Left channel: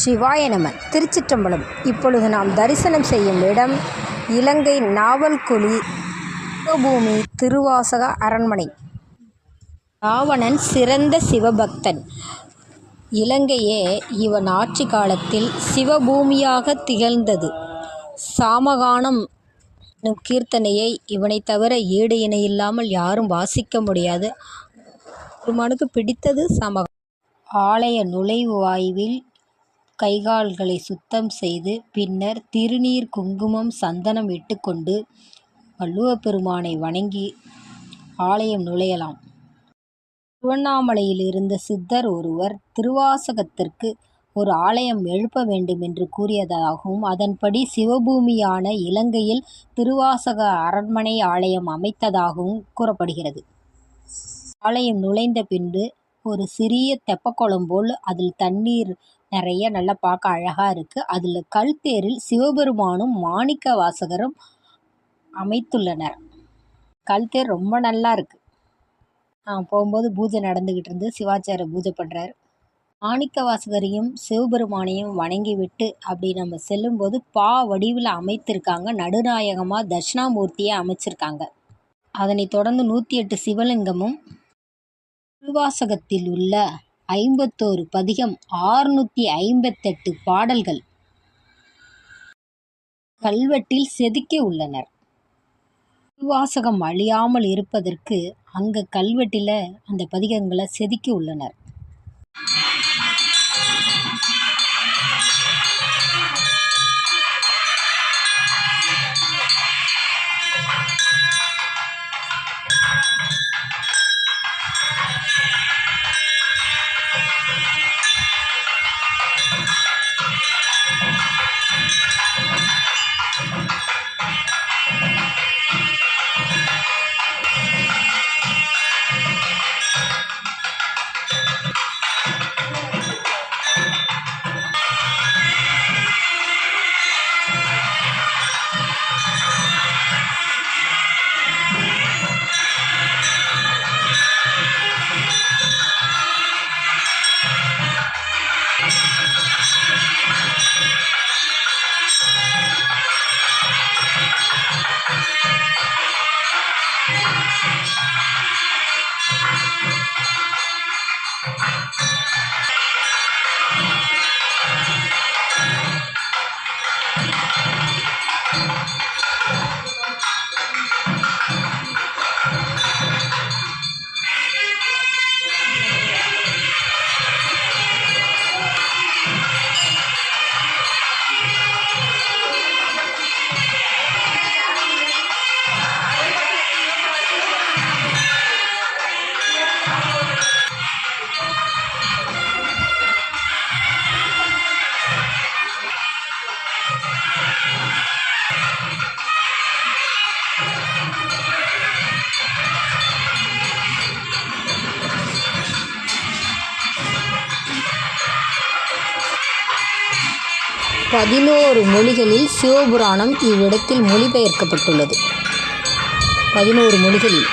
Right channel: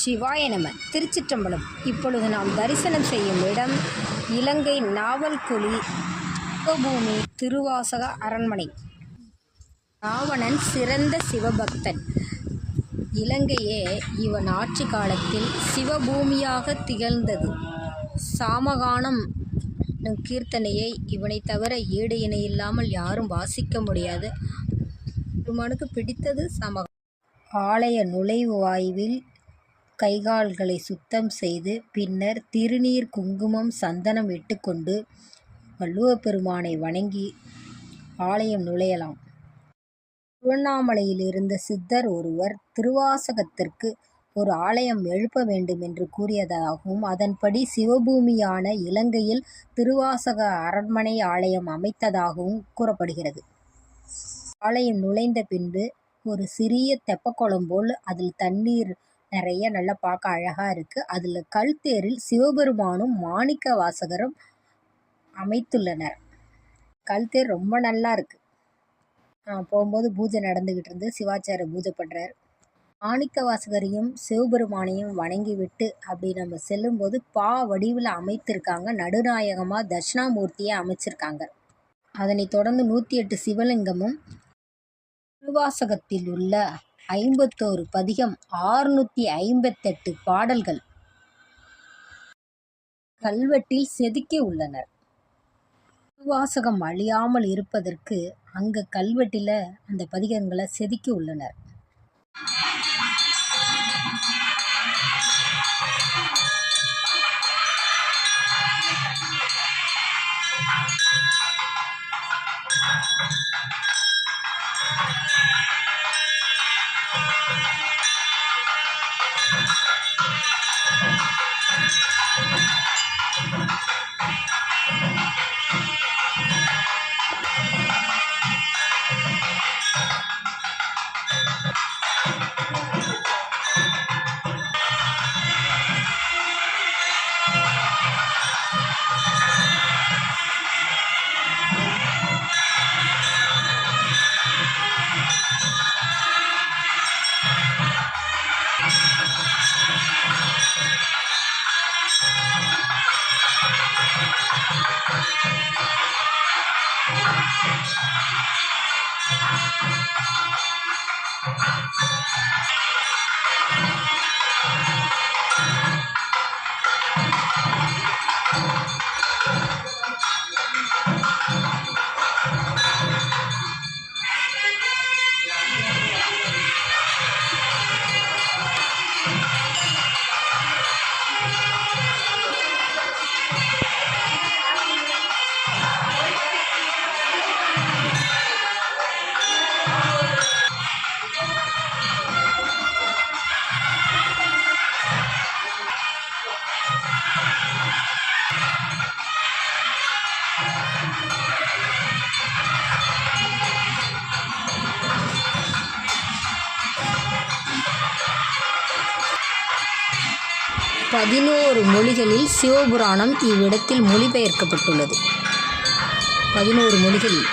சிவாய நம. திருச்சிற்றம்பலம். இப்பொழுது நாம் தரிசனம் செய்யும் இடம் இலங்கை நாவல்குழி சிவபூமி திருவாசக அரண்மனை. ராவணன் சிறந்த சிவபக்தன். இலங்கையே இவன் ஆட்சி காலத்தில் சிவபூமியாக திகழ்ந்தது. சாமகானம் கீர்த்தனையை இவனை தவிர ஈடு இணையில்லாமல் யாரும் வாசிக்க முடியாது. பெருமானுக்கு பிடித்தது சாமகானம். ஆலய நுழைவு வாயுவில் கைகால்களை சுத்தம் செய்து பின்னர் திருநீர் குங்குமம் சந்தனம் இட்டுக்கொண்டு வள்ளுவப்பெருமானை வணங்கி ஆலயம் நுழையலாம். திருவண்ணாமலையில் இருந்த சித்தர் ஒருவர் திருவாசகத்திற்கு ஒரு ஆலயம் எழுப்ப வேண்டும் என்று கூறியதாகவும் அதன்படி சிவபூமியான இலங்கையில் திருவாசக அரண்மனை ஆலயம் அமைத்ததாகவும் கூறப்படுகிறது. ஆலயம் நுழைந்த பின்பு ஒரு சிறிய தெப்பக்குளம் போல் அதில் தண்ணீர் நிறைய நல்லா பார்க்க அழகாக இருக்குது. அதில் கல்தேரில் சிவபெருமானும் மாணிக்க வாசகரும் அமைத்துள்ளனர். கல்தேர் ரொம்ப நல்லா இருக்குது. போகும்போது பூஜை நடந்துக்கிட்டு இருந்து சிவாச்சாரிய பூஜை பண்ணுறார். மாணிக்க வாசகரையும் சிவபெருமானையும் வணங்கி விட்டு அப்படி நம்ம செல்லும்போது வடிவில் அமைத்திருக்காங்க. நடுநாயகமாக தட்சிணாமூர்த்தியை அமைச்சிருக்காங்க. அதனைத் தொடர்ந்து 108 சிவலிங்கமும் திருவாசகத்தில் உள்ள 51 பதிகம் 658 பாடல்கள் கல்வெட்டில் செதுக்கி உள்ளனர். திருவாசகம் அழியாமல் இருப்பதற்கு அங்க கல்வெட்டில் அந்த பதிகங்களை செதுக்கி உள்ளனர். பதினோரு மொழிகளில் சிவபுராணம் இவ்விடத்தில் மொழிபெயர்க்கப்பட்டுள்ளது. 11 மொழிகளில்